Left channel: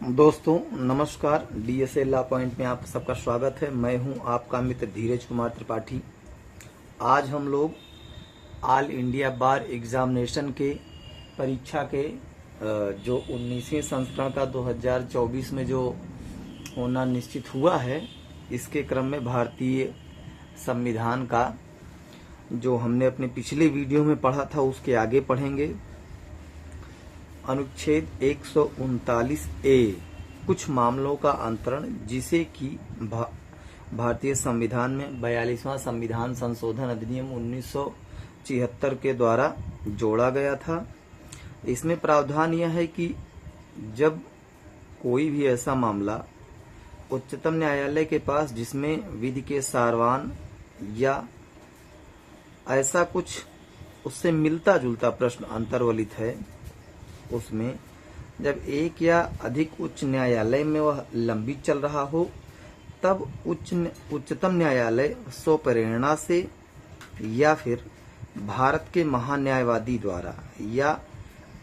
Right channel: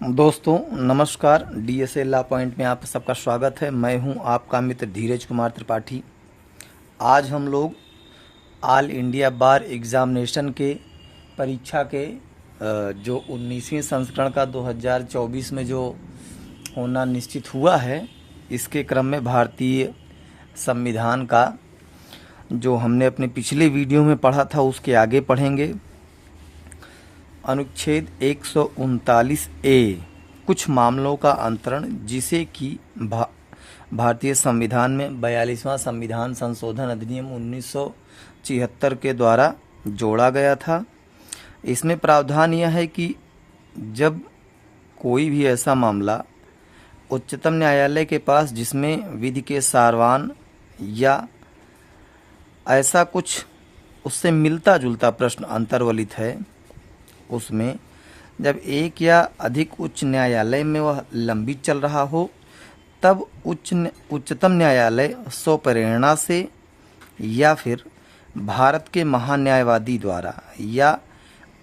दोस्तों नमस्कार। DSA law point में आप सबका स्वागत है। मैं हूं आपका मित्र धीरज कुमार त्रिपाठी। आज हम लोग ऑल इंडिया बार एग्ज़ामिनेशन के परीक्षा के जो 19वीं संस्करण का 2024 में जो होना निश्चित हुआ है, इसके क्रम में भारतीय संविधान का जो हमने अपने पिछले वीडियो में पढ़ा था उसके आगे पढ़ेंगे। अनुच्छेद 139 ए कुछ मामलों का अंतरण, जिसे कि भारतीय संविधान में 42वां संविधान संशोधन अधिनियम 1976 के द्वारा जोड़ा गया था। इसमें प्रावधान यह है कि जब कोई भी ऐसा मामला उच्चतम न्यायालय के पास जिसमें विधि के सारवान या ऐसा कुछ उससे मिलता जुलता प्रश्न अंतर्वलित है, उसमें जब एक या अधिक उच्च न्यायालय में वह लंबित चल रहा हो, तब उच्चतम न्यायालय स्वप्रेरणा से या फिर भारत के महान्यायवादी द्वारा या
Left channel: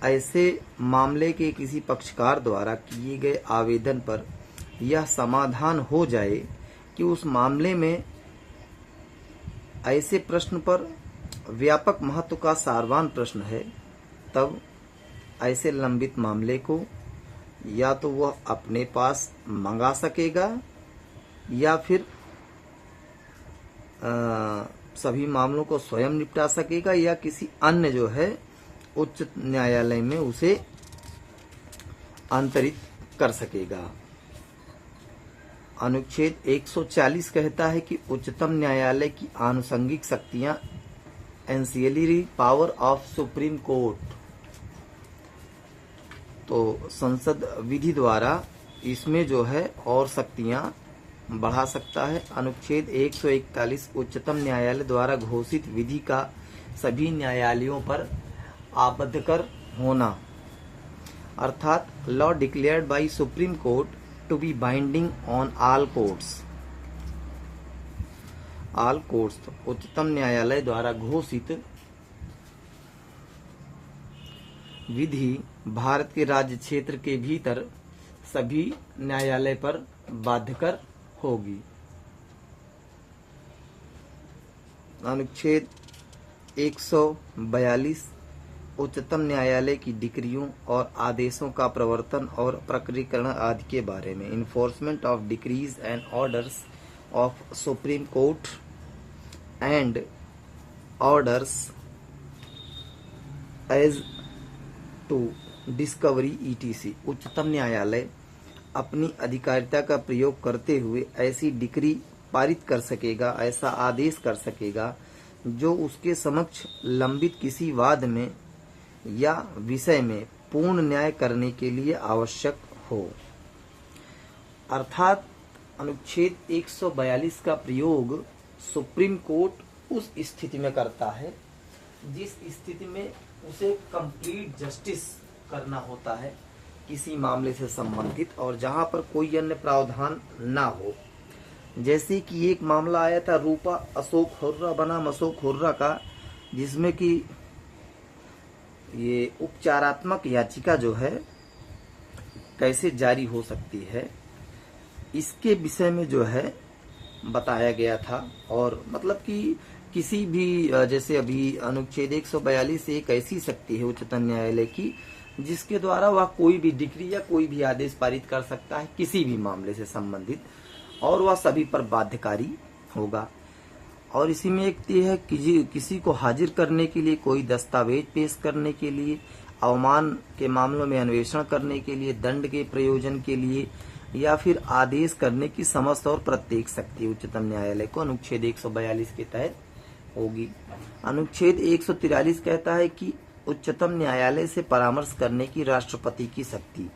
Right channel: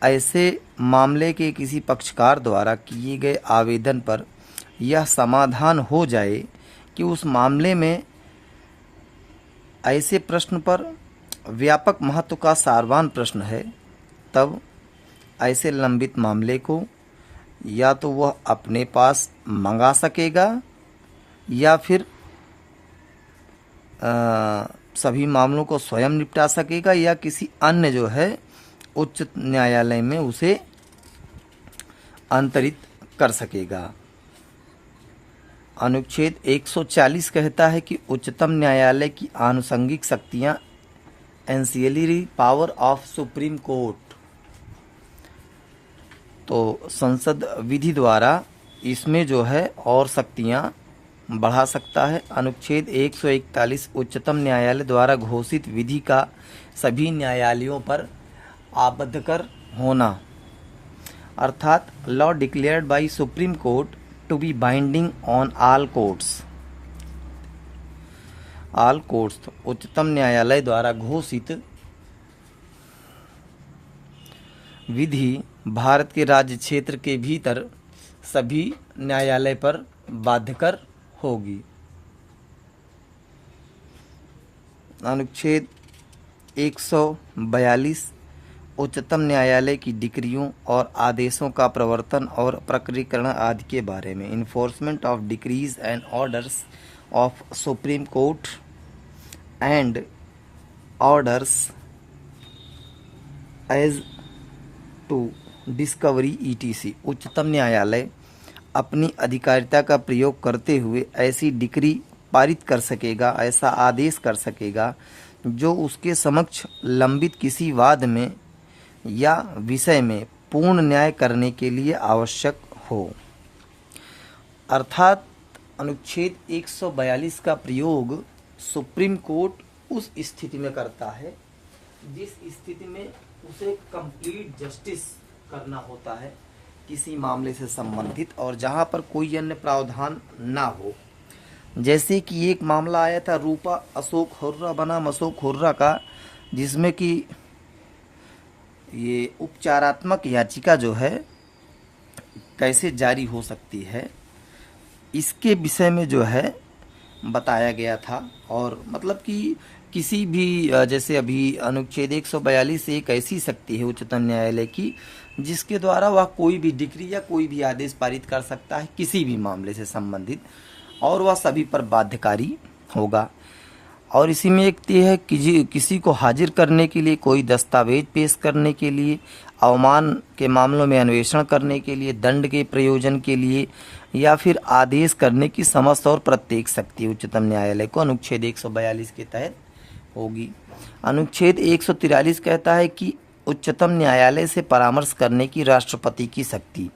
ऐसे मामले के किसी पक्षकार द्वारा किए गए आवेदन पर यह समाधान हो जाए कि उस मामले में ऐसे प्रश्न पर व्यापक महत्व का सारवान प्रश्न है, तब ऐसे लंबित मामले को या तो वह अपने पास मंगा सकेगा या फिर सभी मामलों को स्वयं निपटा सकेगा या किसी अन्य जो है उच्च न्यायालय में उसे अंतरित कर सकेगा। अनुच्छेद 140 कहता है कि उच्चतम न्यायालय की आनुषंगिक शक्तियां एंसियलरी पावर ऑफ सुप्रीम कोर्ट, तो संसद विधि द्वारा इसमें जो है और शक्तियां बढ़ा सकता है। अनुच्छेद 141 उच्चतम न्यायालय द्वारा घोषित विधि का सभी न्यायालयों पर आबद्धकर होना, अर्थात law declared by Supreme Court to be binding on all courts. All courts उच्चतम न्यायालय द्वारा घोषित विधि भारत के राज्य क्षेत्र के भीतर सभी न्यायालय पर बाध्यकर होगी। अनुच्छेद 142 उच्चतम न्यायालय की डिक्रियों और आदेशों का प्रवर्तन और प्रकटीकरण आदि के बारे में, enforcement of decrees and orders of Supreme Court and orders as to discovery etc. उच्चतम न्यायालय अपनी अधिकारिता का प्रयोग करते हुए ऐसी डिक्री पारित कर सकेगा, ऐसा आदेश कर सकेगा जो उसके समक्ष लंबित किसी वाद में या विषय में पूर्ण न्याय करने के लिए आवश्यक हो। अर्थात अनुच्छेद 142 का प्रयोग सुप्रीम कोर्ट उस स्थिति में करता है जिस स्थिति में उसे कंप्लीट जस्टिस करना होता है किसी मामले से संबंधित, और जहां पर कोई अन्य प्रावधान ना हो। जैसे कि एक मामला आया था रूपा अशोक हुर्रा बनाम अशोक हुर्रा का, जिसमें कि ये उपचारात्मक याचिका जो है कैसे जारी हो सकती है, इसके विषय में जो है बताया गया था। और मतलब कि किसी भी जैसे अभी अनुच्छेद 142 एक ऐसी शक्ति है उच्चतम न्यायालय की जिसके द्वारा वह कोई भी डिक्री या कोई भी आदेश पारित कर सकता है किसी भी मामले से संबंधित, और वह सभी पर बाध्यकारी होगा। और इसी में एक ये है कि किसी को हाजिर करने के लिए, कोई दस्तावेज पेश करने के लिए, अवमान के मामलों में अन्वेषण करने के लिए, दंड के प्रयोजन के लिए या फिर आदेश करने की समस्त और प्रत्येक शक्ति उच्चतम न्यायालय को अनुच्छेद 142 के तहत होगी। अनुच्छेद 143 कहता है कि उच्चतम न्यायालय से परामर्श करने की राष्ट्रपति की शक्ति।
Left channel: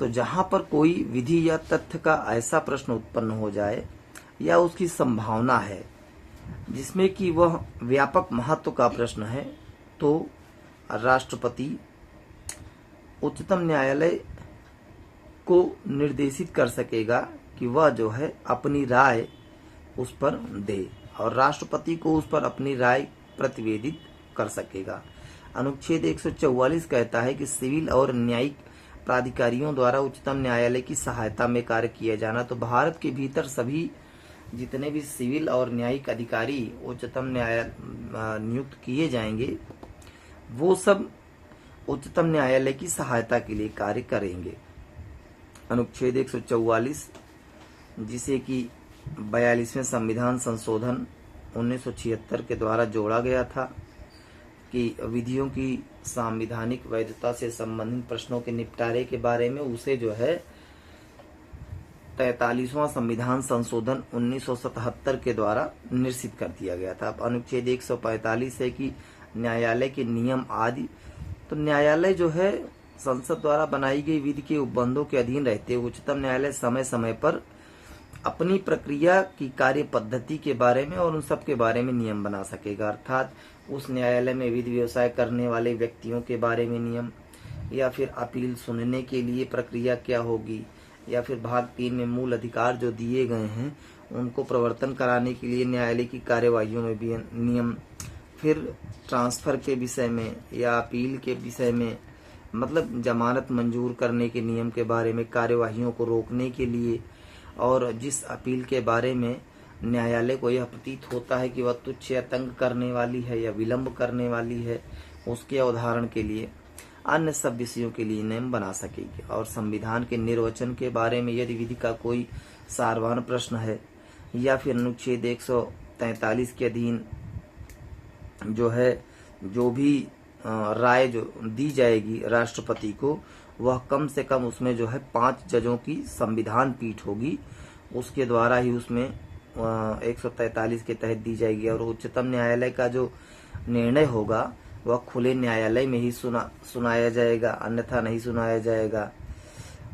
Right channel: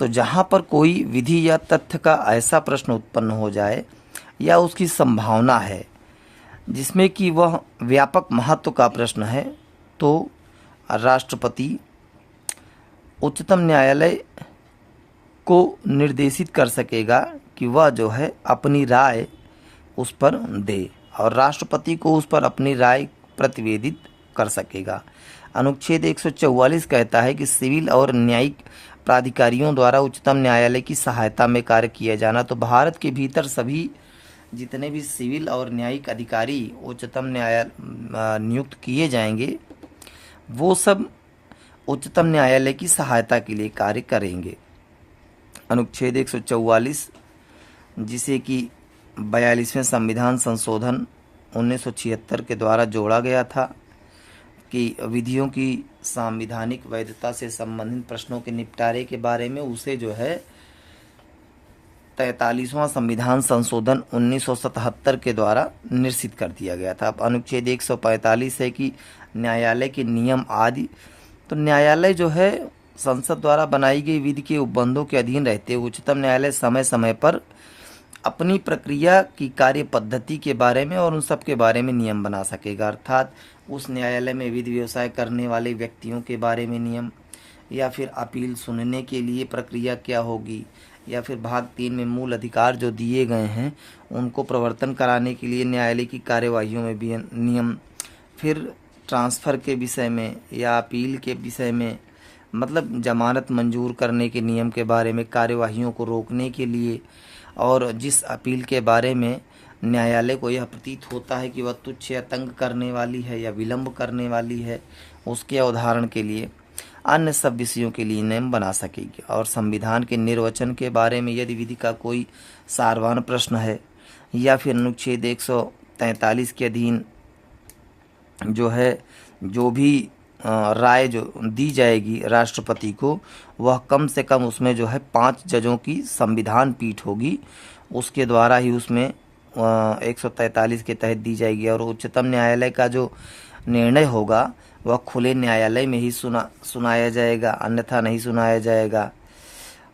तो जहां पर कोई विधि या तथ्य का ऐसा प्रश्न उत्पन्न हो जाए या उसकी संभावना है जिसमें कि वह व्यापक महत्व का प्रश्न है, तो राष्ट्रपति उच्चतम न्यायालय को निर्देशित कर सकेगा कि वह जो है अपनी राय उस पर दे, और राष्ट्रपति को उस पर अपनी राय प्रतिवेदित कर सकेगा। अनुच्छेद 144 कहता है कि सिविल और न्यायिक प्राधिकारियों द्वारा उच्चतम न्यायालय की सहायता में कार्य किया जाना। तो भारत के भीतर सभी जितने भी सिविल और न्यायिक अधिकारी उच्चतम न्यायालय नियुक्त किए जाएंगे, वो सब उच्चतम न्यायालय की सहायता के लिए कार्य करेंगे। अनुच्छेद 144, जिसे कि 42वें संविधान संशोधन 1976 के द्वारा जोड़ा गया था, कि विधियों की संवैधानिक वैधता से संबंधित प्रश्नों के निपटारे के बारे में, उसे जो है 43वां संविधान संशोधन 1977 के द्वारा निश्चित कर दिया गया था। अब अनुच्छेद 145 है कि न्यायालय के नियम आदि। तो न्यायालय जो है संसद द्वारा बनाई गई विधि के उपबंधों के अधीन रहते हुए उच्चतम न्यायालय समय समय पर अपनी प्रक्रिया की कार्य पद्धति के बारे में और उन सब के बारे में नियम बना सकेगा। अर्थात उस न्यायालय में विधि व्यवसाय करने वाले व्यक्तियों के बारे में नियम, या फिर अपील सुनने के लिए प्रक्रिया क्या होगी, या फिर भाग 3 में मूल अधिकार जो दिए गए हैं उनको प्रवर्तन कराने के लिए न्यायालय की कार्यवाहियों में भी नियम, फिर ट्रांसफ़र के विषय में या अपील के विषय में, मतलब जमानत मंजूर करने के नियम के बारे में, कार्यवाहियों को रोकने के लिए, और जिस अपील के बारे में न्यायालय को यह प्रतीत होता है कि वह तुच्छ या तंग करने वाली है या विलंब करने वाली है, उसके अवधारण के लिए, अन्य सब विषयों के लिए नियम बना सकेगी। और संविधान के निर्वचन के बारे में यदि विधि का कोई सारवान प्रश्न है या फिर अनुच्छेद 143 के अधीन जो है जो भी राय जो दी जाएगी राष्ट्रपति को, वह कम से कम उसमें जो है 5 जजों की संविधान पीठ होगी, उसके द्वारा ही उसमें 143 के तहत दी जाएगी। और उच्चतम न्यायालय का जो निर्णय होगा वह खुले न्यायालय में ही सुनाया जाएगा, अन्यथा नहीं सुनाया जाएगा।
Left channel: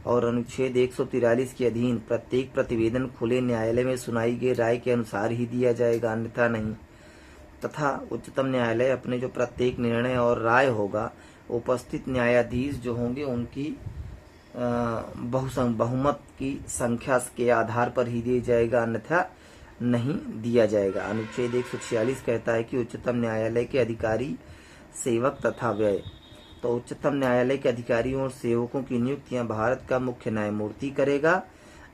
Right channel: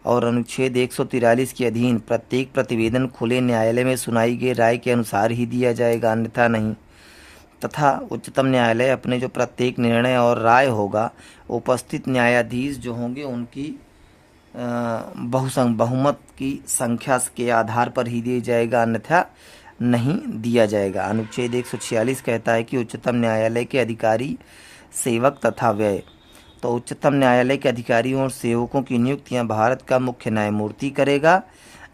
और अनुच्छेद 143 के अधीन प्रत्येक प्रतिवेदन खुले न्यायालय में सुनाई गई राय के अनुसार ही दिया जाएगा, अन्यथा नहीं। तथा उच्चतम न्यायालय अपने जो प्रत्येक निर्णय और राय होगा उपस्थित न्यायाधीश जो होंगे उनकी बहुमत की संख्या के आधार पर ही दिया जाएगा, अन्यथा नहीं दिया जाएगा। अनुच्छेद 146 कहता है कि उच्चतम न्यायालय के अधिकारी, सेवक तथा व्यय। तो उच्चतम न्यायालय के अधिकारियों और सेवकों की नियुक्तियां भारत का मुख्य न्यायमूर्ति करेगा,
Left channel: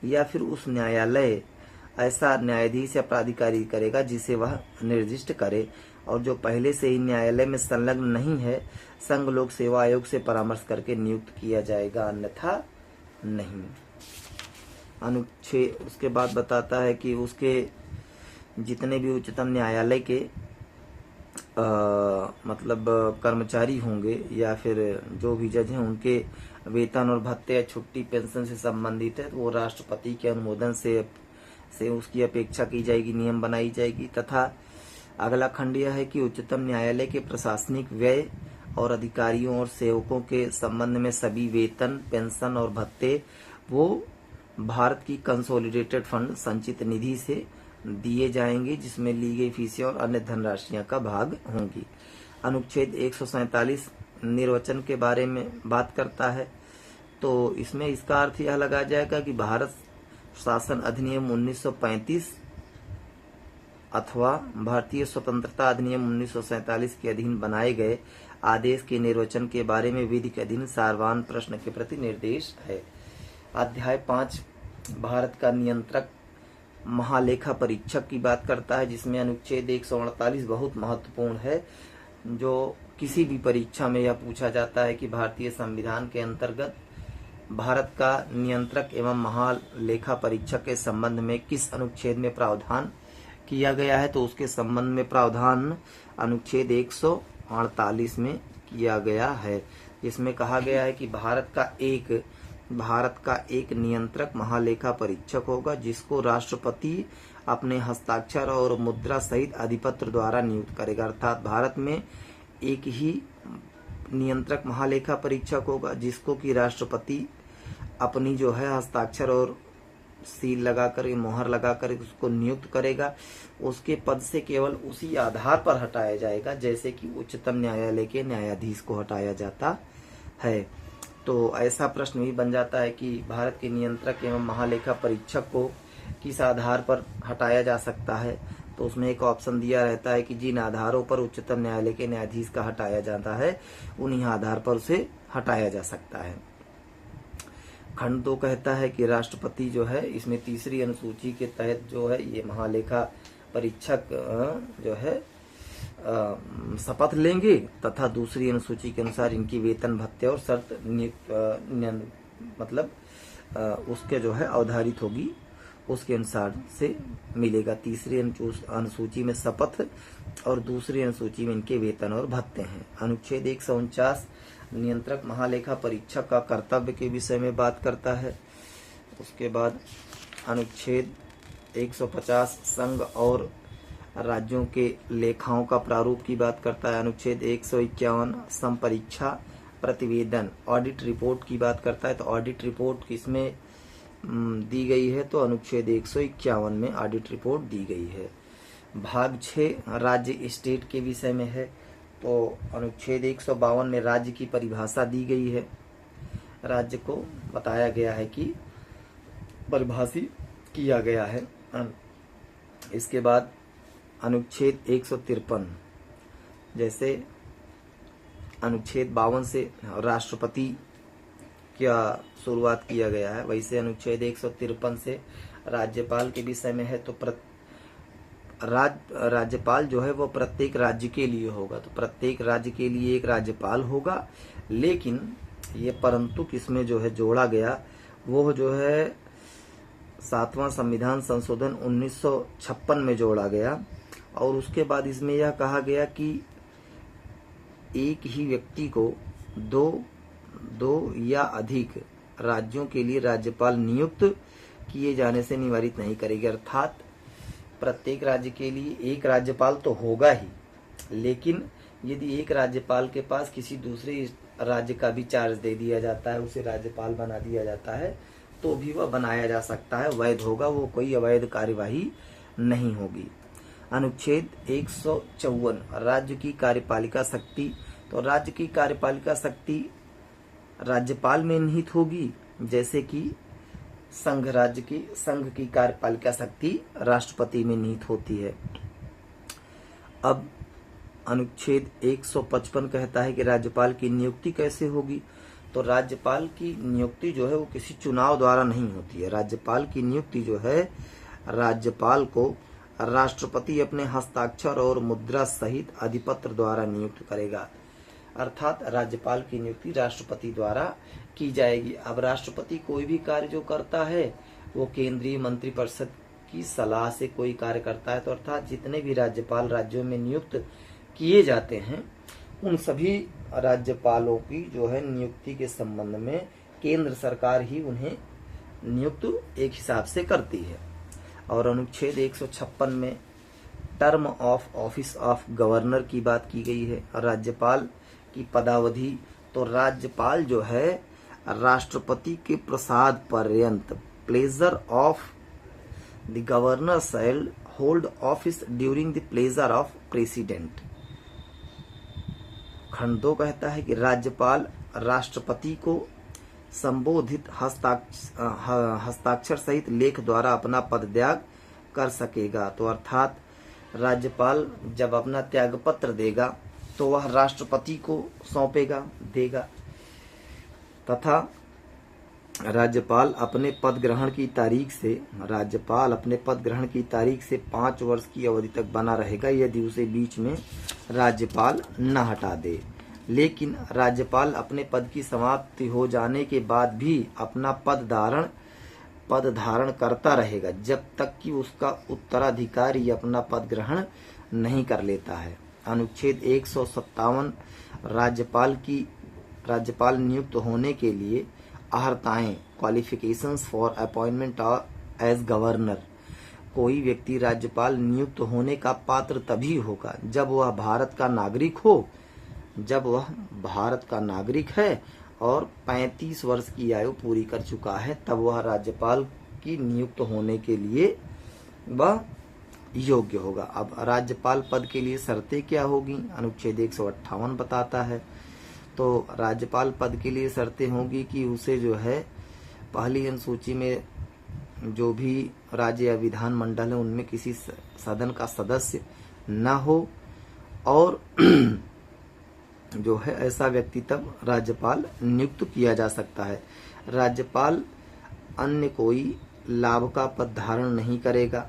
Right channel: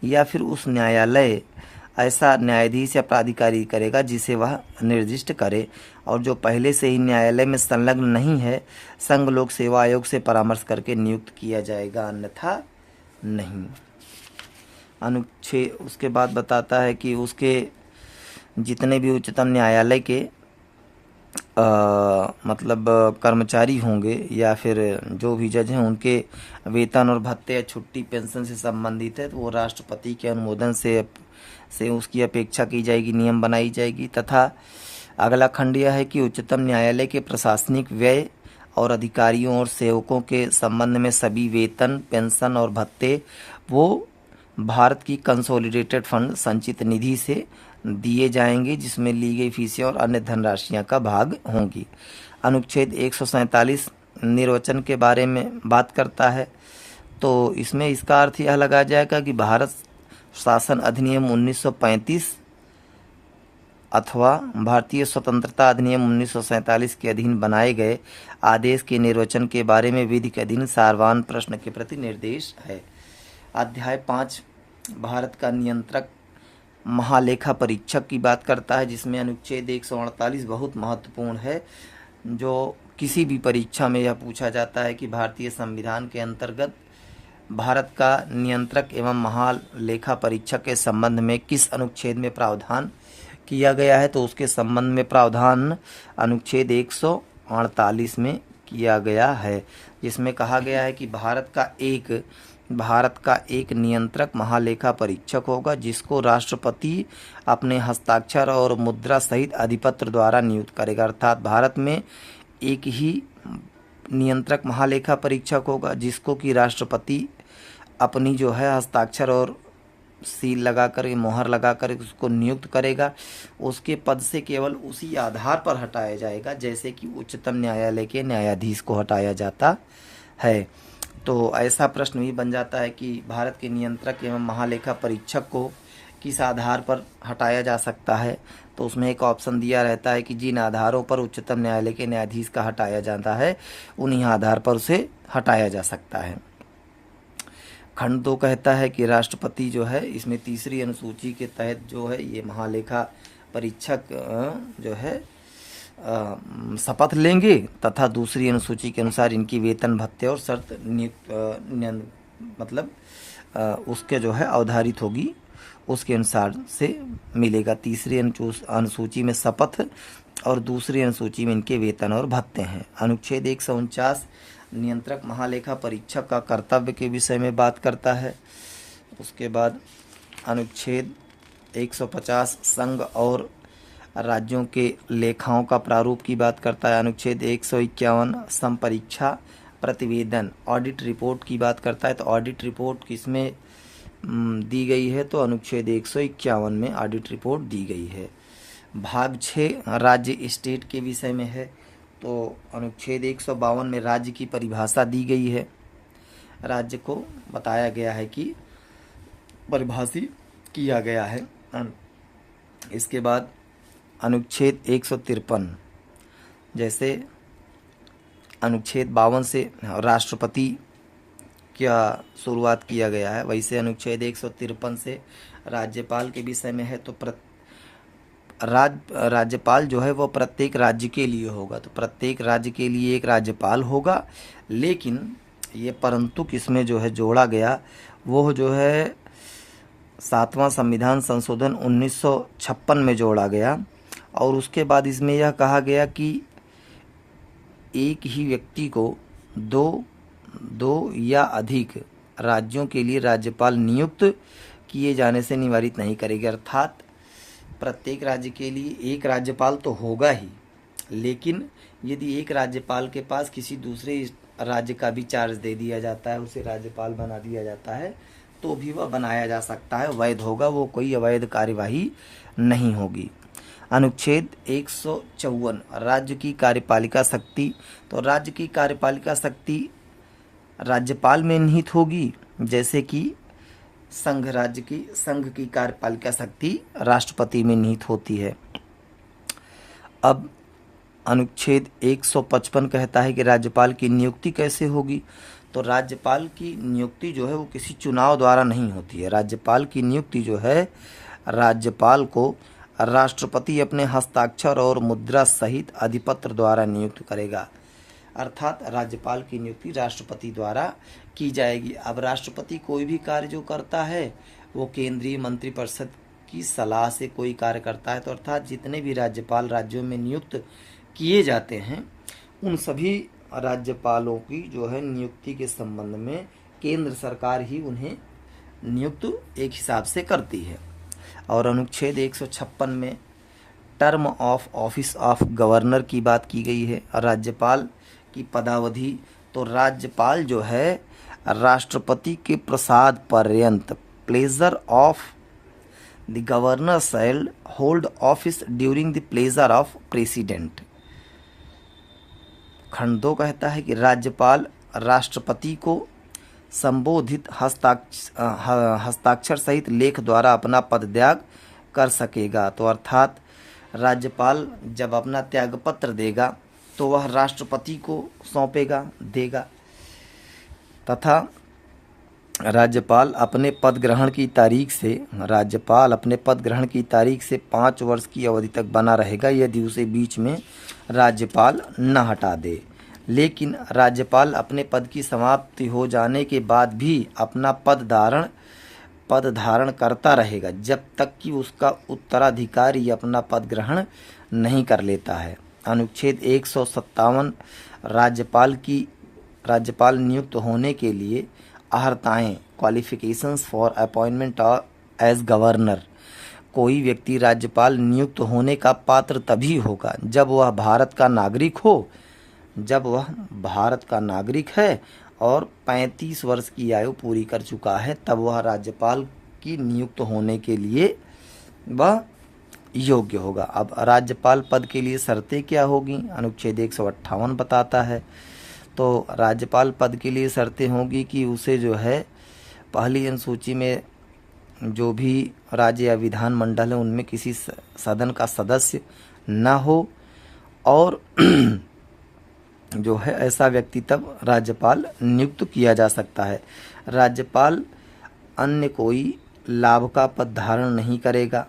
या फिर उस न्यायालय ऐसा न्यायाधीश या प्राधिकारी करेगा जिसे वह निर्दिष्ट करे, और जो पहले से ही न्यायालय में संलग्न नहीं है, संघ लोक सेवा आयोग से परामर्श करके नियुक्त किया जाएगा, अन्यथा नहीं। अनुच्छेद उसके बाद बताता है कि उसके जितने भी उच्चतम न्यायालय के मतलब कर्मचारी होंगे या फिर जो भी जज हैं, उनके वेतन और भत्ते या छुट्टी पेंशन से संबंधित है तो वो राष्ट्रपति के अनुमोदन से उसकी अपेक्षा की जाएगी, नियम बनाई जाएगी। तथा अगला खंड यह है कि उच्चतम न्यायालय के प्रशासनिक व्यय और अधिकारियों और सेवकों के संबंध में सभी वेतन, पेंशन और भत्ते वो भारत की कंसोलिडेटेड फंड संचित निधि से दिए जाएंगे, जिसमें ली गई फीसें और अन्य धनराशियां का भाग होंगी। अनुच्छेद 147 निर्वचन के बारे में बात करता है, तो इसमें इसका अर्थ यह लगाया जाएगा कि भारत शासन अधिनियम 1935 अथवा भारतीय स्वतंत्रता अधिनियम 1947 के अधीन बनाए गए आदेश के निर्वचन के बारे में विधि के अधीन सारवान प्रश्न के प्रति निर्देश है। अध्याय 5 भारत का नियंत्रक महालेखा परीक्षक की बात करता है, जिसमें अनुच्छेद 148 बहुत महत्वपूर्ण है। जो किसी भी परीक्षा में यह पूछा जाता है कि भारतीय संविधान के अंतर्गत भारत का नियंत्रक एवं महालेखा परीक्षक के संबंध में किस अनुच्छेद में प्रावधान किया गया है, तो उसके संबंध में प्रावधान अनुच्छेद 148 में किया गया है, जिसमें कहा गया है कि भारत का एक नियंत्रक महालेखा परीक्षक होगा, जिसको राष्ट्रपति अपने हस्ताक्षर और मुद्रा सहित अधिपत्र द्वारा नियुक्त करेगा। अर्थात भारत में एक ही नियंत्रक महालेखा परीक्षक होगा, जिसको कि राष्ट्रपति अपनी जो है हस्ताक्षर और सील लगाकर, मोहर लगाकर उसको नियुक्त करेगा। उसके पद से केवल उसी आधार पर हटाया जाएगा जैसे कि उच्चतम न्यायालय के न्यायाधीश को हटाया जाता है। तो ऐसा प्रश्न भी बन जाता है कि भारत के नियंत्रक एवं महालेखा परीक्षक को किस आधार पर हटाया जा सकता है, तो उसमें एक ऑप्शन दिया रहता है कि जिन आधारों पर उच्चतम न्यायालय के न्यायाधीश का हटाया जाता है उन्हीं आधार पर उसे हटाया जा सकता है। खंड 2 कहता है कि राष्ट्रपति जो है इसमें तीसरी अनुसूची के तहत जो है ये महालेखा परीक्षक जो है शपथ लेंगे तथा दूसरी अनुसूची के अनुसार इनकी वेतन भत्ते और शर्त मतलब उसके जो है अवधारित होगी, उसके अनुसार से मिलेगा। तीसरी अनुसूची में शपथ और दूसरी अनुसूची में इनके वेतन और भत्ते हैं। अनुच्छेद 149 नियंत्रक महालेखा परीक्षक का कर्तव्य के विषय में बात करता है। उसके बाद अनुच्छेद 150 संघ और राज्यों के लेखाओं का प्रारूप की बात करता है। अनुच्छेद 151 संपरीक्षा प्रतिवेदन ऑडिट रिपोर्ट की बात करता है। तो ऑडिट रिपोर्ट किसमें दी गई है? तो अनुच्छेद 151 में ऑडिट रिपोर्ट दी गई है। भाग 6 राज्य स्टेट के विषय में है। तो अनुच्छेद 152 में राज्य की परिभाषा दी गई है। राज्य को बताया गया है कि परिभाषित किया गया है। इसके बाद अनुच्छेद 153 जैसे अनुच्छेद 52 से राष्ट्रपति क्या शुरुआत किया गया है, वैसे अनुच्छेद 153 से राज्यपाल के विषय में है। तो राज्यपाल जो है वो प्रत्येक राज्य के लिए होगा। तो प्रत्येक राज्य के लिए एक राज्यपाल होगा, लेकिन ये परंतु किसमें जो है जोड़ा गया वो जो है 7वां संविधान संशोधन 1956 में जोड़ा गया। और उसके बाद इसमें यह कहा गया कि एक ही व्यक्ति को दो या अधिक राज्यों के लिए राज्यपाल नियुक्त किए जाने से निवारित नहीं करेगी। अर्थात प्रत्येक राज्य के लिए एक राज्यपाल तो होगा ही, लेकिन यदि एक राज्यपाल के पास किसी दूसरे राज्य का भी चार्ज दे दिया जाता है, उसे राज्यपाल बना दिया जाता है, तो भी वह बनाया जा सकता है, वैध होगा, वो कोई अवैध कार्यवाही नहीं होगी। अनुच्छेद 154 राज्य की कार्यपालिका शक्ति। तो राज्य की कार्यपालिका शक्ति राज्यपाल में निहित होगी, जैसे कि संघ की कार्यपालिका शक्ति राष्ट्रपति में निहित होती है। अब अनुच्छेद 155 कहता है कि राज्यपाल की नियुक्ति कैसे होगी। तो राज्यपाल की नियुक्ति जो है वो किसी चुनाव द्वारा नहीं होती है। राज्यपाल की नियुक्ति जो है राज्यपाल को राष्ट्रपति अपने हस्ताक्षर और मुद्रा सहित अधिपत्र द्वारा नियुक्त करेगा। अर्थात राज्यपाल की नियुक्ति राष्ट्रपति द्वारा की जाएगी। अब राष्ट्रपति कोई भी कार्य जो करता है वो केंद्रीय मंत्रिपरिषद की सलाह से कोई कार्य करता है। तो अर्थात जितने भी राज्यपाल राज्यों में नियुक्त किए जाते हैं उन सभी राज्यपालों की जो है नियुक्ति के संबंध में केंद्र सरकार ही उन्हें नियुक्त एक हिसाब से करती है। और अनुच्छेद 156 में term of office of governor की बात की गई है। राज्यपाल की पदावधि। तो राज्यपाल जो है राष्ट्रपति के प्रसाद पर्यंत pleasure of the governor shall hold office during the pleasure of president. खंड 2 कहता है कि राज्यपाल राष्ट्रपति को संबोधित हस्ताक्षर सहित लेख द्वारा अपना पद त्याग कर सकेगा। तो अर्थात राज्यपाल जब अपना त्यागपत्र देगा तो वह राष्ट्रपति को देगा तथा राज्यपाल अपने पद ग्रहण की तारीख से 5 वर्ष की अवधि तक बना रहेगा, यदि उसे बीच में राज्यपाल न हटा दे। लेकिन राज्यपाल अपने पद की समाप्ति हो जाने के बाद भी अपना पद धारण करता रहेगा जब तक कि उसका उत्तराधिकारी अपना पद ग्रहण नहीं कर लेता है। अनुच्छेद 157 राज्यपाल नियुक्त होने के लिए अहर्ताएं qualifications for appointment as governor. कोई व्यक्ति राज्यपाल नियुक्त होने का पात्र तभी होगा जब वह भारत का नागरिक है और 35 वर्ष की आयु पूरी कर चुका है, तब वह राज्यपाल की नियुक्त होने के लिए वह योग्य होगा। अब राज्यपाल पद के लिए शर्तें क्या होगी? अनुच्छेद 158 बताता है। तो राज्यपाल पद के लिए शर्तें होंगी कि उसे जो है पहली अनुसूची में जो भी राज्य या विधान मंडल है उनमें किसी सदन का सदस्य न हो, और जो है ऐसा व्यक्ति तब राज्यपाल नियुक्त किया जा सकता है। राज्यपाल अन्य कोई लाभ का पद धारण नहीं करेगा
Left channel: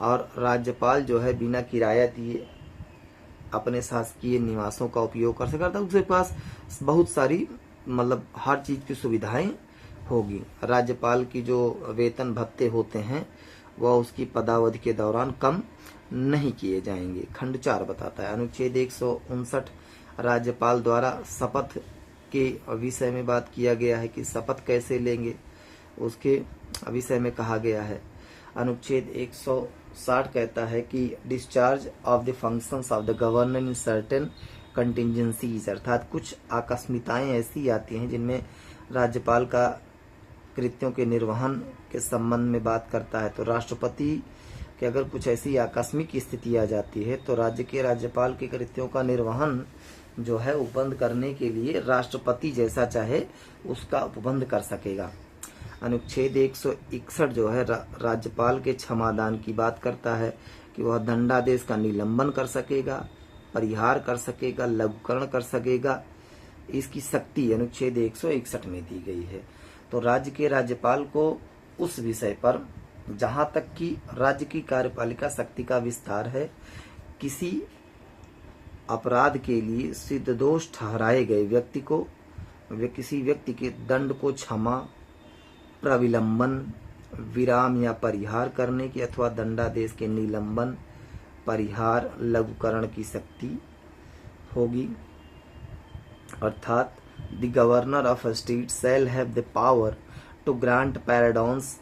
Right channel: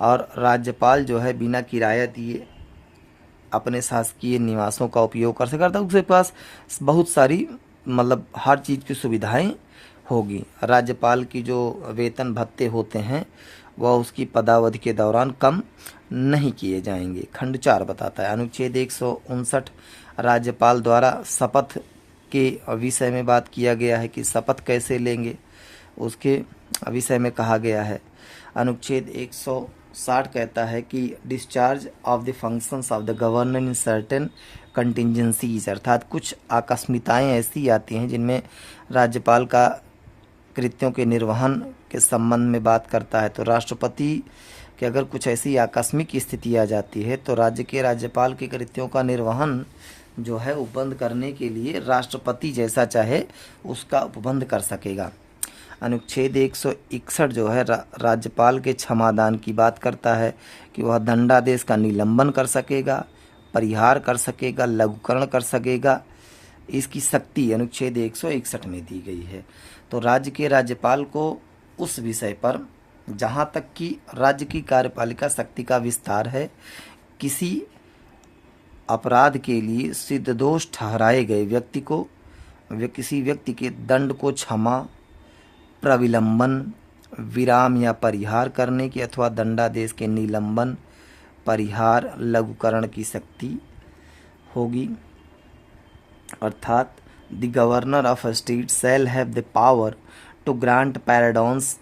और राज्यपाल जो है बिना किराया दिए अपने शासकीय निवासों का उपयोग कर सकता है। उसके पास बहुत सारी मतलब हर चीज़ की सुविधाएं होगी। राज्यपाल की जो वेतन भत्ते होते हैं वह उसकी पदावधि के दौरान कम नहीं किए जाएंगे। खंड 4 बताता है, अनुच्छेद 159 राज्यपाल द्वारा शपथ के विषय में बात किया गया है कि शपथ कैसे लेंगे, उसके विषय में कहा गया है। अनुच्छेद 160 कहता है कि discharge of the functions of the governor in certain contingencies, अर्थात कुछ आकस्मिकताएं ऐसी आती हैं जिनमें राज्यपाल का कृत्यों के निर्वहन के संबंध में बात करता है। तो राष्ट्रपति कि अगर कुछ ऐसी आकस्मिक स्थिति आ जाती है तो राज्य के राज्यपाल के कृत्यों का निर्वहन जो है उपबंध करने के लिए राष्ट्रपति जैसा चाहे उसका उपबंध कर सकेगा। अनुच्छेद 161 जो है राज्यपाल के क्षमादान की बात करता है कि वह दंडादेश का निलंबन कर सकेगा, परिहार कर सकेगा, लघुकरण कर सकेगा। इसकी शक्ति अनुच्छेद 161 में दी गई है। तो राज्य के राज्यपाल को उस विषय पर जहाँ तक कि राज्य की कार्यपालिका शक्ति का विस्तार है, किसी अपराध के लिए सिद्ध दोष ठहराए गए व्यक्ति को किसी व्यक्ति के दंड को क्षमा, प्रविलंबन, विराम या परिहार करने की अथवा दंडादेश के निलंबन, परिहार, लघुकरण की शक्ति होगी। अर्थात the governor of a state shall have the power to grant pardons,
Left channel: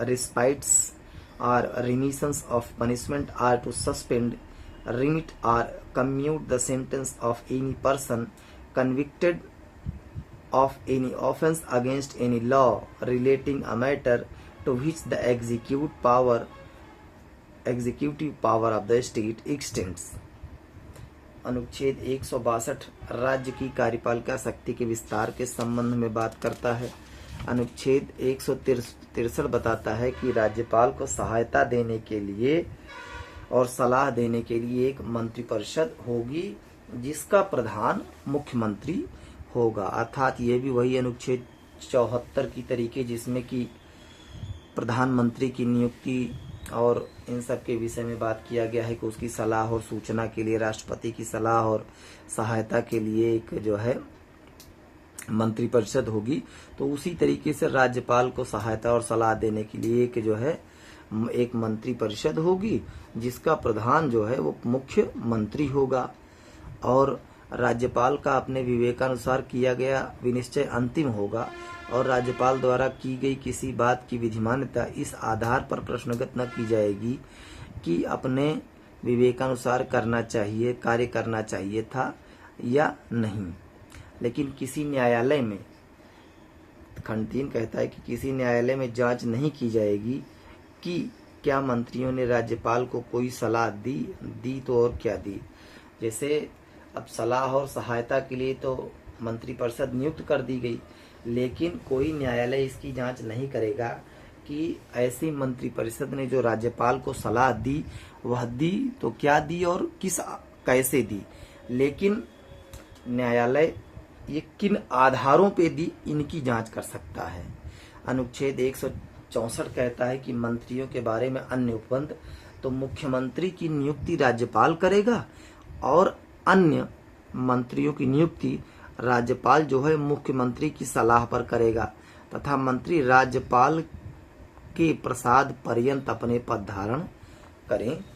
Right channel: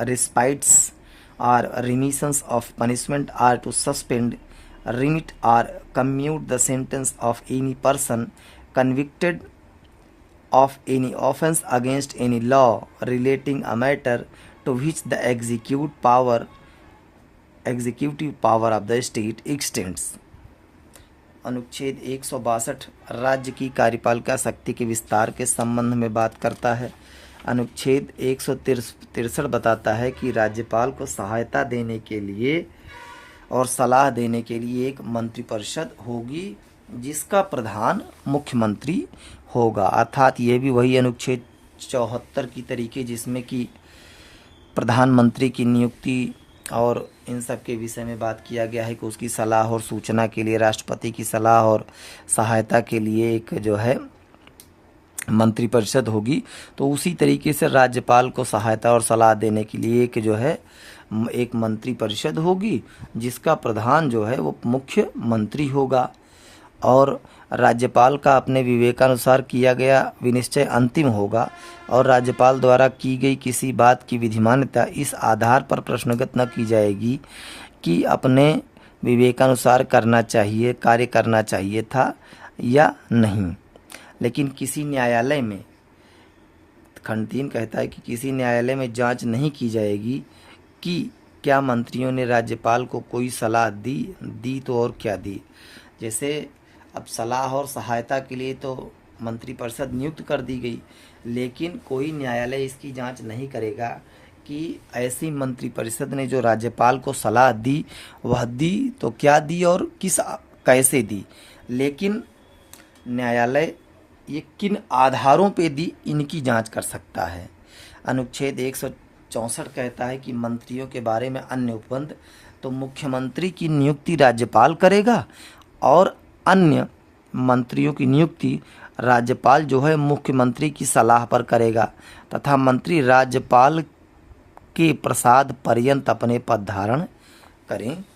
respites or remissions of punishment, or to suspend, remit or commute the sentence of any person convicted of any offense against any law relating a matter to which the executive power of the state extends। अनुच्छेद 162 राज्य की कार्यपालिका शक्ति के विस्तार के संबंध में बात करता है। अनुच्छेद 163 बताता है कि राज्यपाल को सहायता देने के लिए और सलाह देने के लिए एक मंत्रिपरिषद होगी जिसका प्रधान मुख्यमंत्री होगा। अर्थात ये भी वही अनुच्छेद 74 की तरीके जिसमें कि प्रधानमंत्री की नियुक्ति और इन सब के विषय में बात किया गया है कि उसकी सलाह और सूचना के लिए राष्ट्रपति की सलाह और सहायता के लिए एक जो है मंत्रिपरिषद होगी। तो उसी तरीके से राज्यपाल को सहायता और सलाह देने के लिए एक जो है एक मंत्रिपरिषद होगी जिसका प्रधान जो है वो मुख्यमंत्री होगा और राज्यपाल का अपने विवेकानुसार किया गया विनिश्चय अंतिम होगा और राज्यपाल द्वारा की गई किसी बात की विधिमान्यता इस आधार पर प्रश्नगत न की जाएगी कि अपने विवेकानुसार कार्य करना चाहिए था या नहीं। लेकिन किसी न्यायालय में, खंड 3 कहता है कि किसी न्यायालय में जांच नहीं की जाएगी कि क्या मंत्रियों ने राज्यपाल को कोई सलाह दी तो और क्या दी। जैसे अब सलाह और सहायता के लिए तो मंत्रिपरिषद नियुक्त कर दी गई, लेकिन कोई न्यायालय इसकी जांच नहीं करेगा कि ऐसी मंत्रिपरिषद ने जो राज्यपाल को सलाह दी वह दी तो क्या दी और कैसे दी। लेकिन न्यायालय ये किन आधारों पे दी इनकी जांच कर सकता है। अनुच्छेद 164 कहता है कि मंत्रियों के बारे में अन्य उपबंध तो मुख्यमंत्री की नियुक्ति राज्यपाल करेगा और अन्य मंत्रियों की नियुक्ति राज्यपाल जो है मुख्यमंत्री की सलाह पर करेगा तथा मंत्री राज्यपाल के प्रसाद पर्यंत अपने पद धारण करेंगे।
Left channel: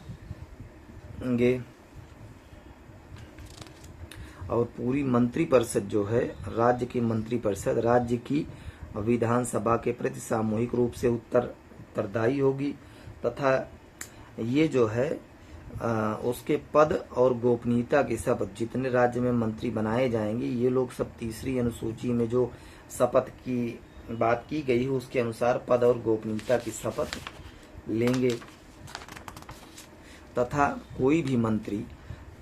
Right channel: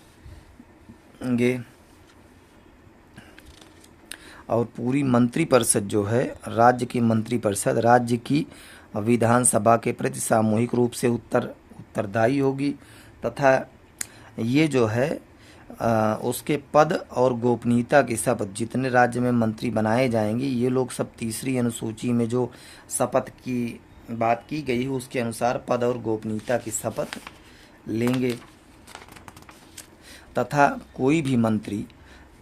और पूरी मंत्रिपरिषद जो है राज्य की मंत्रिपरिषद राज्य की विधानसभा के प्रति सामूहिक रूप से उत्तरदायी होगी तथा ये जो है उसके पद और गोपनीयता के शपथ जितने राज्य में मंत्री बनाए जाएंगे ये लोग सब तीसरी अनुसूची में जो शपथ की बात की गई है उसके अनुसार पद और गोपनीयता की शपथ लेंगे तथा कोई भी मंत्री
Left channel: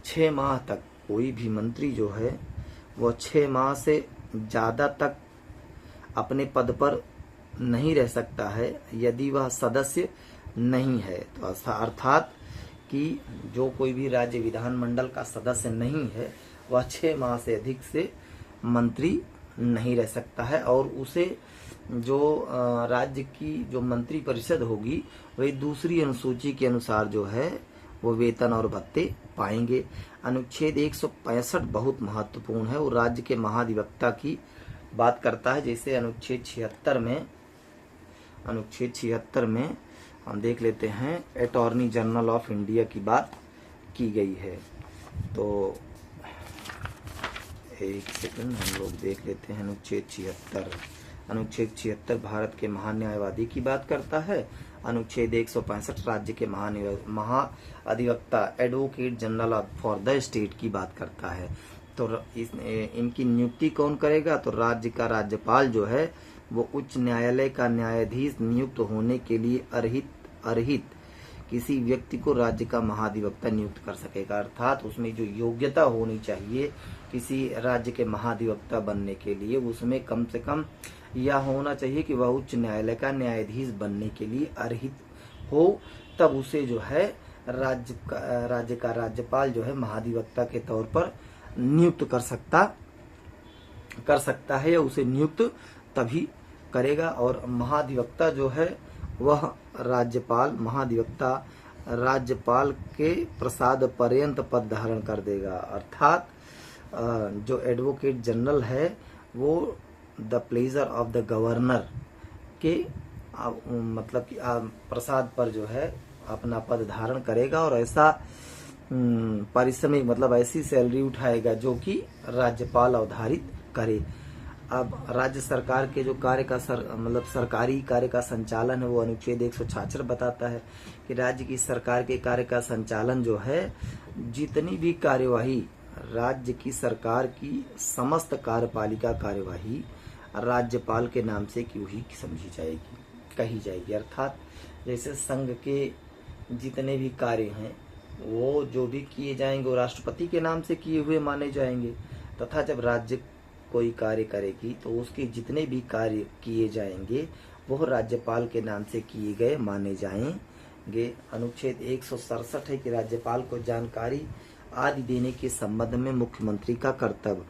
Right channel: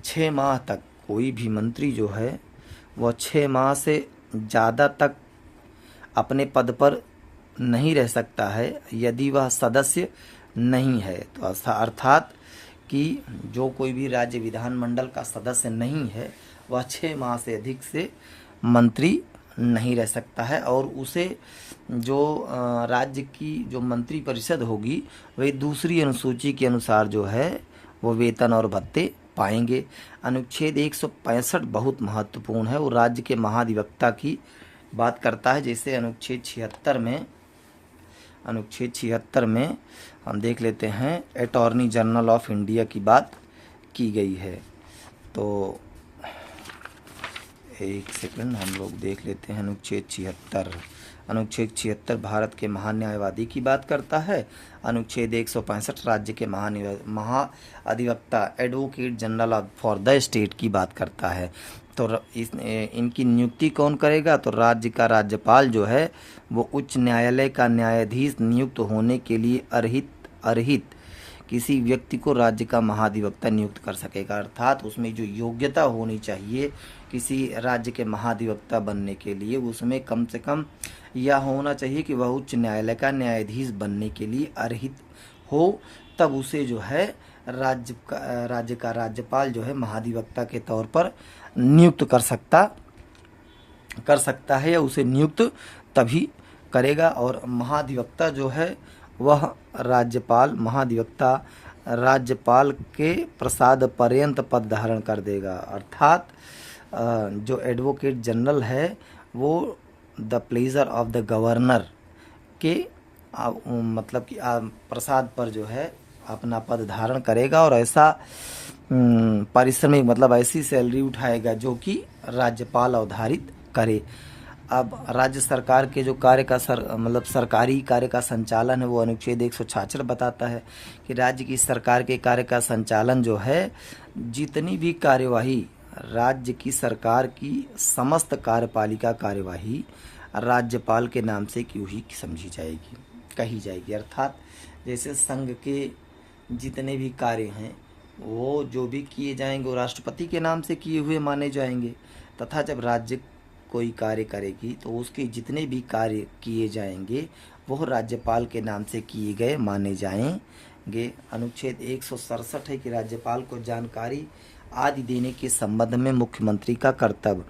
6 माह तक, कोई भी मंत्री जो है वह 6 माह से ज़्यादा तक अपने पद पर नहीं रह सकता है यदि वह सदस्य नहीं है। तो अर्थात कि जो कोई भी राज्य विधानमंडल का सदस्य नहीं है वह 6 माह से अधिक से मंत्री नहीं रह सकता है, और उसे जो राज्य की जो मंत्री परिषद होगी वही दूसरी अनुसूची के अनुसार जो है वो वेतन और भत्ते पाएंगे। अनुच्छेद 165 बहुत महत्वपूर्ण है, वो राज्य के महाधिवक्ता की बात करता है। जैसे अनुच्छेद 76 में हम देख लेते हैं अटॉर्नी जनरल ऑफ इंडिया की बात की गई है। तो एक सेकंड हम लोग देख लेते हैं। अनुच्छेद 76 भारत के महान्यायवादी की बात करता है। अनुच्छेद 165 राज्य के महाअधिवक्ता advocate general for the state की बात करता है। तो इनकी नियुक्ति कौन करेगा? तो राज्य का राज्यपाल जो है वो उच्च न्यायालय का न्यायाधीश नियुक्त होने के लिए अर्हित किसी व्यक्ति को राज्य का महाधिवक्ता नियुक्त कर सकेगा। अर्थात उसमें जो योग्यता होनी चाहिए किसी राज्य के महाधिवक्ता बनने के लिए, उसमें कम से कम यह होना चाहिए कि वह उच्च न्यायालय का न्यायाधीश बनने के लिए अर्हित हो, तब उसे जो है राज्य का राज्यपाल जो है महाधिवक्ता के तौर पर नियुक्त कर सकता है, या उसे नियुक्त तभी करेगा। और महाधिवक्ता जो है वह महाधिवक्ता राज्यपाल के प्रसाद पर्यंत पद धारण कर देगा। अर्थात जो एडवोकेट जनरल है वो the pleasure of the governor के मतलब कि प्रसाद पर जो है अपना पद धारण करेगा, और ऐसा पारिश्रमिक मतलब ऐसी सैलरी उठाएगा जो कि राज्यपाल अवधारित करे। अब राज्य सरकार के जो सरकारी कार्य का संचालन है वो अनुच्छेद 166 बताता है कि राज्य की सरकार के कार्य का संचालन जो है, जितनी भी कार्यवाही राज्य की सरकार की समस्त कार्यपालिका कार्यवाही राज्यपाल के नाम से क्यों ही कही जाएगी। अर्थात जैसे संघ के जितने भी कार्य हैं वो जो भी किए जाएंगे वो राष्ट्रपति के नाम से किए हुए माने जाएंगे, तथा जब राज्य कोई कार्य करेगी तो उसके जितने भी कार्य किए जाएंगे वो राज्यपाल के नाम से किए गए माने जाएंगे। अनुच्छेद 167 है कि राज्यपाल को जानकारी आदि देने के संबंध में मुख्यमंत्री का कर्तव्य।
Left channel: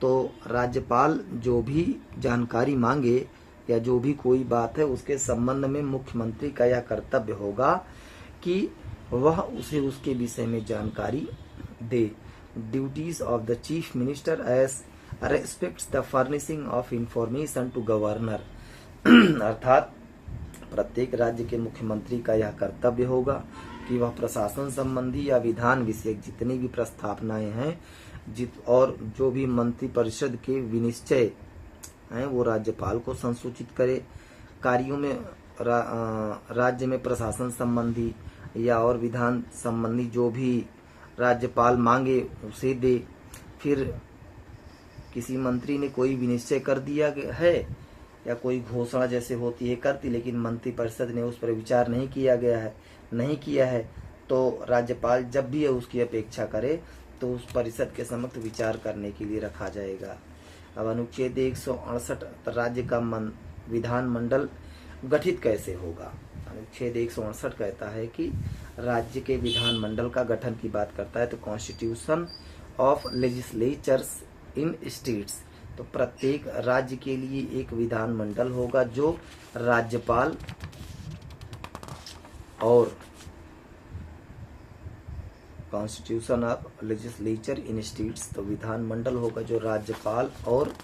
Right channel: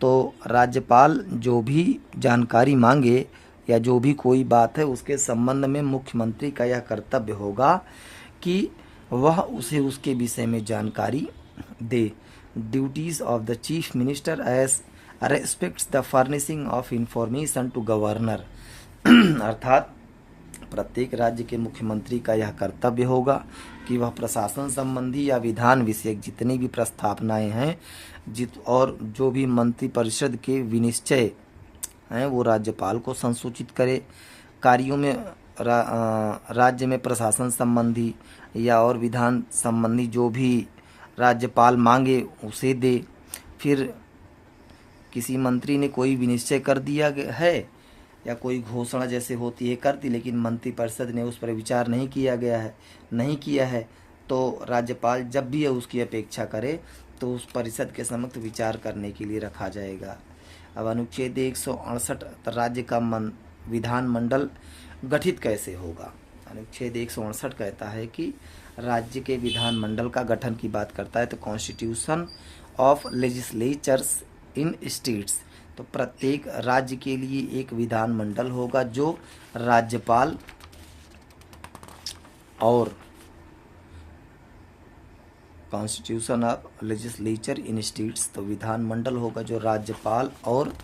तो राज्यपाल जो भी जानकारी मांगे या जो भी कोई बात है उसके संबंध में मुख्यमंत्री का यह कर्तव्य होगा कि वह उसे उसके विषय में जानकारी दे। Duties of the chief minister as respects the furnishing of information to governor. अर्थात प्रत्येक राज्य के मुख्यमंत्री का यह कर्तव्य होगा कि वह प्रशासन संबंधी या विधान विषयक जितनी भी प्रस्तावनाएं हैं और जो भी मंत्री परिषद के विनिश्चय हैं वो राज्यपाल को संसूचित करे। कार्यों में राज्य में प्रशासन संबंधी या और विधान संबंधी जो भी राज्यपाल मांगे उसे दे। फिर किसी मंत्री ने कोई विनिश्चय कर दिया है या कोई घोषणा जैसे होती है करती, लेकिन मंत्रिपरिषद ने उस पर विचार नहीं किया है तो राज्यपाल जब भी उसकी अपेक्षा करे तो उस परिषद के समक्ष विचार करने के लिए रखा जाएगा। अब अनुच्छेद 168 राज्य का विधानमंडल गठित कैसे होगा? अनुच्छेद 168 कहता है कि राज्य के विधानमंडल का गठन की बात करता है। तो constitution of legislatures in states, तो प्रत्येक राज्य के लिए एक विधानमंडल होगा जो राज्यपाल और constitution of legislature in states, तो विधानमंडल होगा जो राज्यपाल और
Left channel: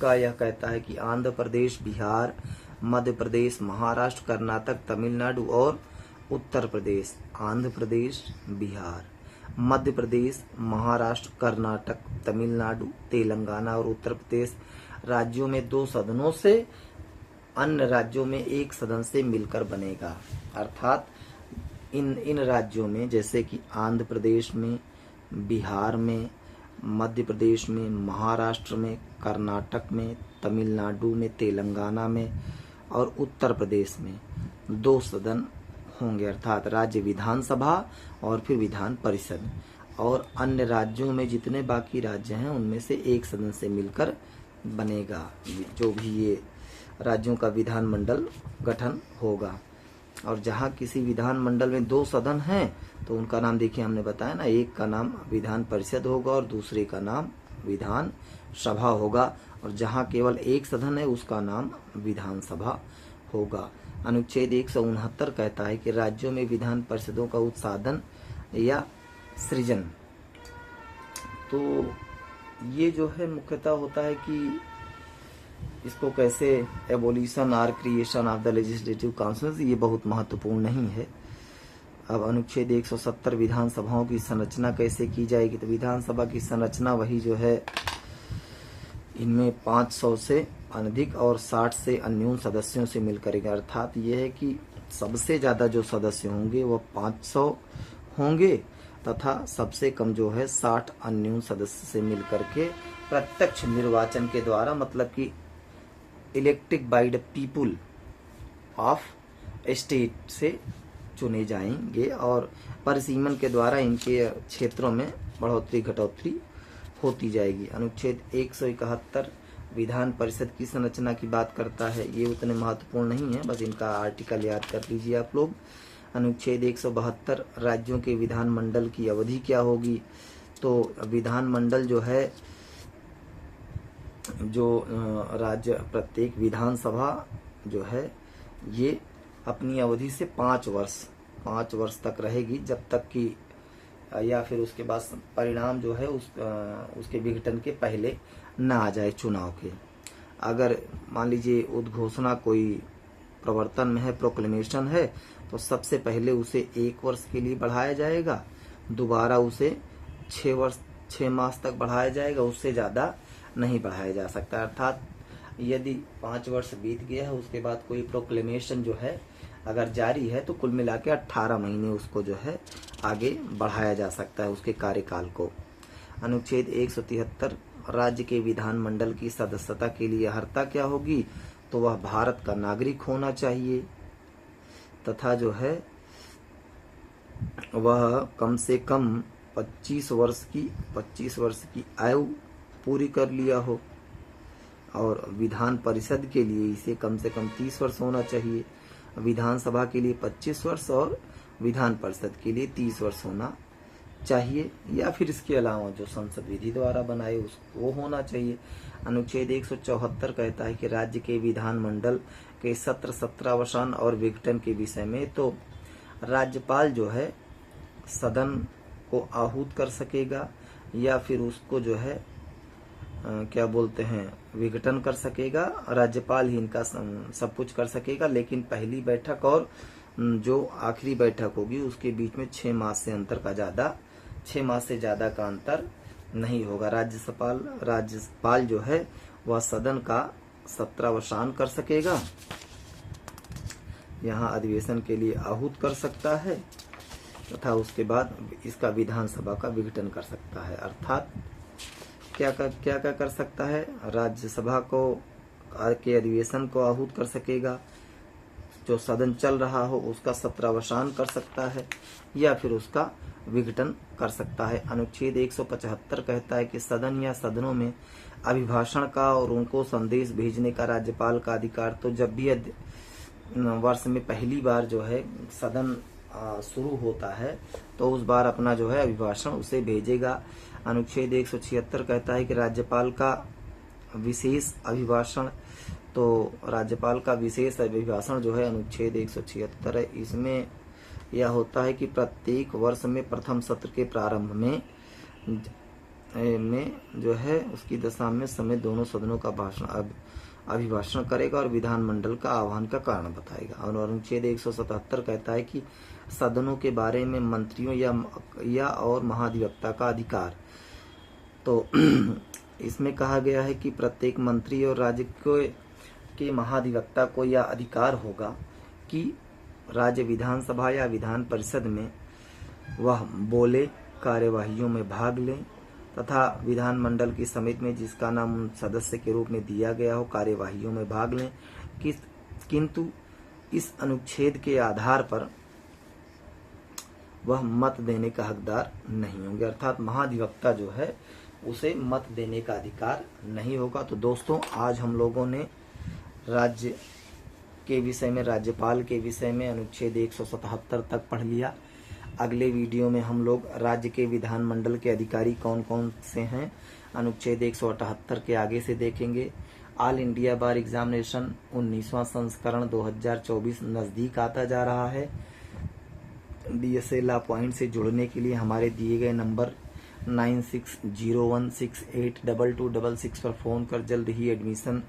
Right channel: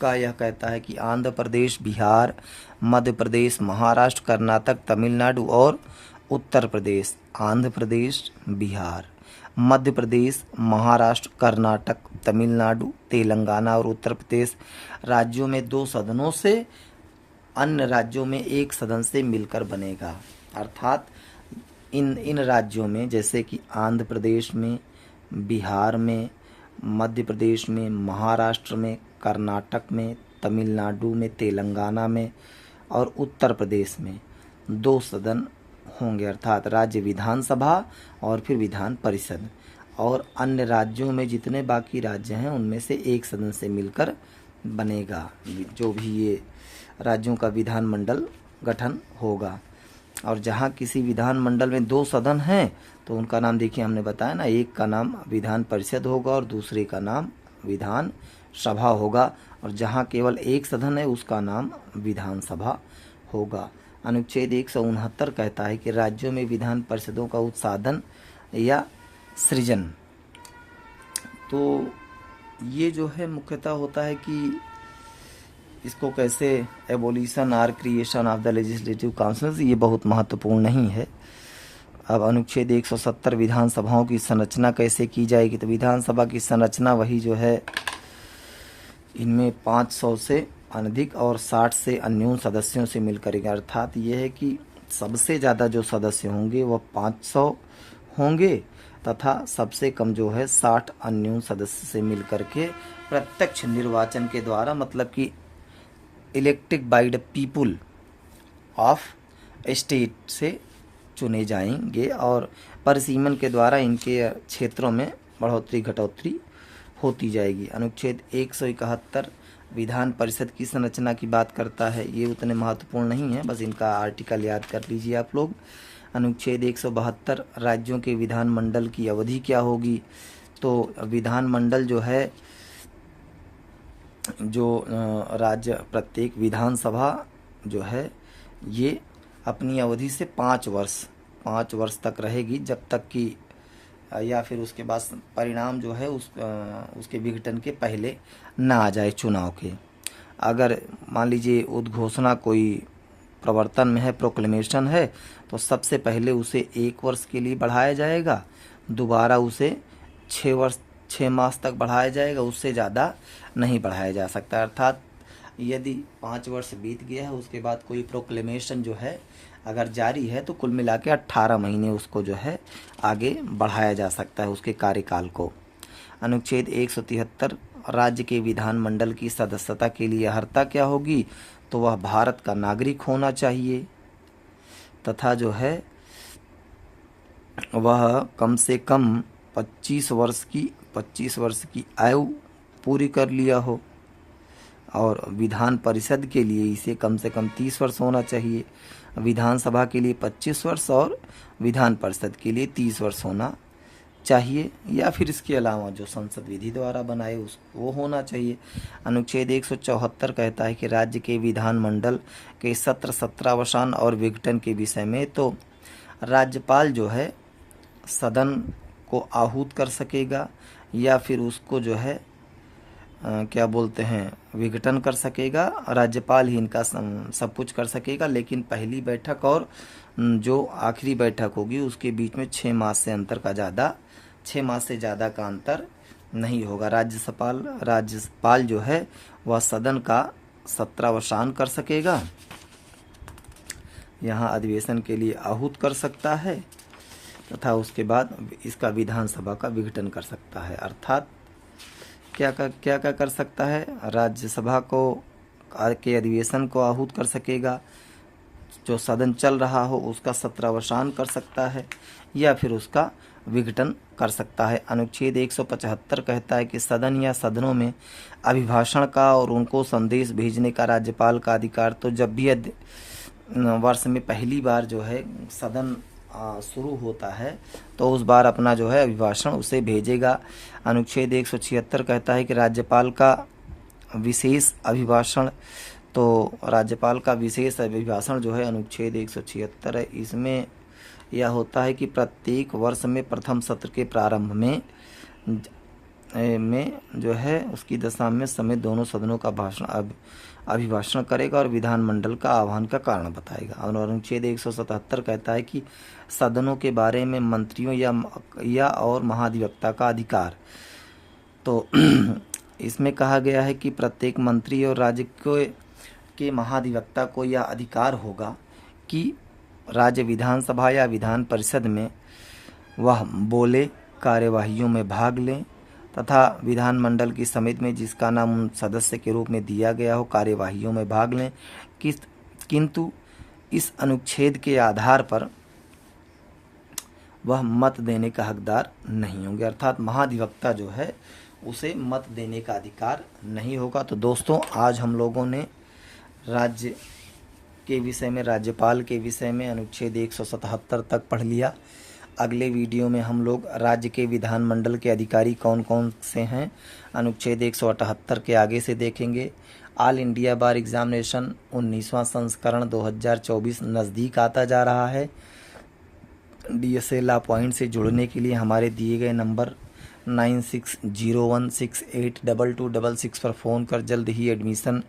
का यह कहता है कि आंध्र प्रदेश, बिहार, मध्य प्रदेश, महाराष्ट्र, कर्नाटक, तमिलनाडु और उत्तर प्रदेश। आंध्र प्रदेश, बिहार, मध्य प्रदेश, महाराष्ट्र, कर्नाटक, तमिलनाडु, तेलंगाना और उत्तर प्रदेश राज्यों में 2 सदनों से, अन्य राज्यों में 1 सदन से मिलकर बनेगा। अर्थात इन राज्यों में जैसे कि आंध्र प्रदेश में, बिहार में, मध्य प्रदेश में, महाराष्ट्र में, कर्नाटक में, तमिलनाडु में, तेलंगाना में और उत्तर प्रदेश में 2 सदन होंगे। अर्थात राज्य विधानसभा और फिर विधान परिषद, और अन्य राज्यों में जितने बाकी राज्य हैं उनमें से 1 सदन से मिलकर बनेगा जो भी ये राज्यों का विधानमंडल गठन होगा। और जहाँ किसी विधानमंडल में 2 सदन हैं तो उनका नाम देखिए, हमने बताया ना, एक का नाम विधान परिषद होगा और दूसरे का नाम विधान सभा होगा। और जहाँ केवल एक सदन है उसका नाम विधानसभा होगा। अनुच्छेद 169 कहता है कि राज्यों में विधान परिषदों का उत्साधन या सृजन। तो ये जो है मुख्यतः होता है कि इसको कैसे एबोलिशन और creation of the legislative council, ये बहुत महत्वपूर्ण नहीं है। अब अनुच्छेद 170 विधानसभाओं की संरचना कैसे की जाएगी। तो विधानसभा की संरचना वही जो है, इनमें 500 से अनधिक और 60 से अन्यून सदस्यों से मिलकर, अर्थात ये है कि सबसे ज़्यादा जो सदस्य होंगे वह 500 होंगे तथा सबसे कम जो है 60 अन्यून सदस्य से मिलकर के प्रत्यक्ष निर्वाचन के द्वारा, मतलब कि elected by the people of state से चुने जाएंगे और परिसीमन के द्वारा इनके क्षेत्रों में बढ़ोतरी घटोतरी होती जाएगी। अनुच्छेद 171 विधान परिषद की संरचना की बात करता है। ये उतने महत्वपूर्ण नहीं है, बस इनका आर्टिकल याद कर लीजिए आप लोग। अनुच्छेद 172 राज्यों के विधानमंडल की अवधि क्या होगी। तो विधानमंडल जो है, जो राज्य प्रत्येक विधानसभा जो है ये अपनी अवधि से 5 वर्ष तक रहेगी, जब तक कि या फिर उसके बाद परिणाम जो है उसके विघटन के पहले ना आ जाए चुनाव के। अगर मान लीजिए उद्घोषणा कोई प्रवर्तन में है, प्रोक्लेमेशन है, तो सबसे पहले उसे 1 वर्ष के लिए बढ़ाया जाएगा, दोबारा उसे 6 मास तक बढ़ाया जाएगा, उससे ज़्यादा नहीं बढ़ाया जा सकता। अर्थात यदि 5 वर्ष बीत गया है उसके बाद कोई प्रोक्लेमेशन जो है अगर जारी है तो कुल मिला के 18 महीने उसको जो है आगे बढ़ाया जा सकता है उसके कार्यकाल को। अनुच्छेद 173 राज्य के विधानमंडल की सदस्यता के लिए अर्हता क्या होगी। तो वह भारत का नागरिक होना चाहिए तथा जो है वह कम से कम 25 वर्ष की आयु पूरी कर लिया हो और विधान परिषद के लिए इसे कम से कम 30 वर्ष होना चाहिए, विधानसभा के लिए 25 वर्ष और विधान परिषद के लिए 30 वर्ष होना चाहिए, या फिर इसके अलावा जो संसद विधि द्वारा बनाए उसको होना चाहिए। अनुच्छेद 174 कहता है कि राज्य के विधानमंडल के सत्र सत्रावसान और विघटन के विषय में तो राज्यपाल जो है सदन को आहूत कर सकेगा या फिर उसको जो है क्या बोलते हैं विघटन कर सकेगा। राज्यपाल ही इनका सब कुछ कर सकेगा, लेकिन पहली बैठक और जो आखिरी बैठक होगी उसके बीच में 6 मास से ज़्यादा का अंतर नहीं होगा। राज्यपाल जो है वह सदन का सत्रावसान कर सकेगा, यहाँ अधिवेशन के लिए आहूत कर सकता है तथा उसके बाद इसका विधानसभा का विघटन कर सकता है। अर्थात क्या कर सकता है, राज्यसभा को के अधिवेशन को आहूत कर सकेगा, जो सदन चल रहा हो उसका सत्रावसान कर सकता है या फिर उसका विघटन कर सकता है। अनुच्छेद 175 कहता है कि सदन या सदनों में अभिभाषण का और उनको संदेश भेजने का राज्यपाल का अधिकार। तो जब भी वर्ष में पहली बार जो है सदन शुरू होता है तो उस बार अपना जो है अभिभाषण उसे भेजेगा। अनुच्छेद 176 कहता है कि राज्यपाल का विशेष अभिभाषण, तो राज्यपाल का विशेष अभिभाषण जो है अनुच्छेद 176 है, इसमें यह होता है कि प्रत्येक वर्ष में प्रथम सत्र के प्रारंभ में जो है उसकी दशा में समेत दोनों सदनों का अभिभाषण करेगा और विधानमंडल का आह्वान का कारण बताएगा। और अनुच्छेद 177 कहता है कि सदनों के बारे में मंत्रियों या और महाधिवक्ता का अधिकार। तो इसमें कहा गया है कि प्रत्येक मंत्री और राज्य के महाधिवक्ता को यह अधिकार होगा कि राज्य विधानसभा या विधान परिषद में वह बोले, कार्यवाहियों में भाग लें तथा विधानमंडल की समिति में जिसका नाम सदस्य के रूप में दिया गया हो कार्यवाहियों में भाग लें, किंतु इस अनुच्छेद के आधार पर वह मत देने का हकदार नहीं होंगे। अर्थात महाधिवक्ता जो है उसे मत देने का अधिकार नहीं होगा। तो दोस्तों आज हम लोगों ने राज्य के विषय में, राज्यपाल के विषय में अनुच्छेद 177 तक पढ़ लिया। अगले वीडियो में हम लोग राज्य के विधानमंडल के अधिकारी कौन कौन से हैं अनुच्छेद 178 के आगे से देखेंगे। ऑल इंडिया बार एग्जामिनेशन 19वां संस्करण 2024 नज़दीक आता जा रहा है। DSA लॉ पॉइंट से जुड़ने के लिए हमारे दिए गए नंबर 9601682266 पर फ़ोन कर जल्द ही एडमिशन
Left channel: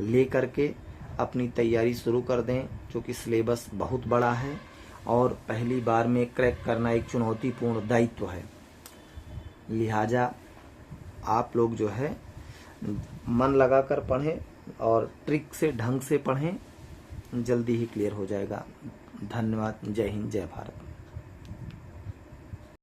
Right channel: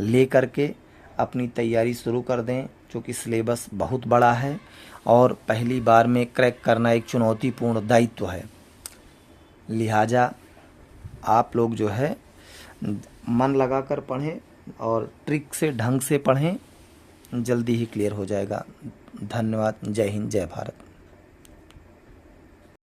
ले करके अपनी तैयारी शुरू कर दें, क्योंकि सिलेबस बहुत बड़ा है और पहली बार में क्रैक करना एक चुनौतीपूर्ण दायित्व है। लिहाजा आप लोग जो है मन लगा कर पढ़ें और ट्रिक से ढंग से पढ़ें, जल्दी ही क्लियर हो जाएगा। धन्यवाद। जय हिंद, जय भारत।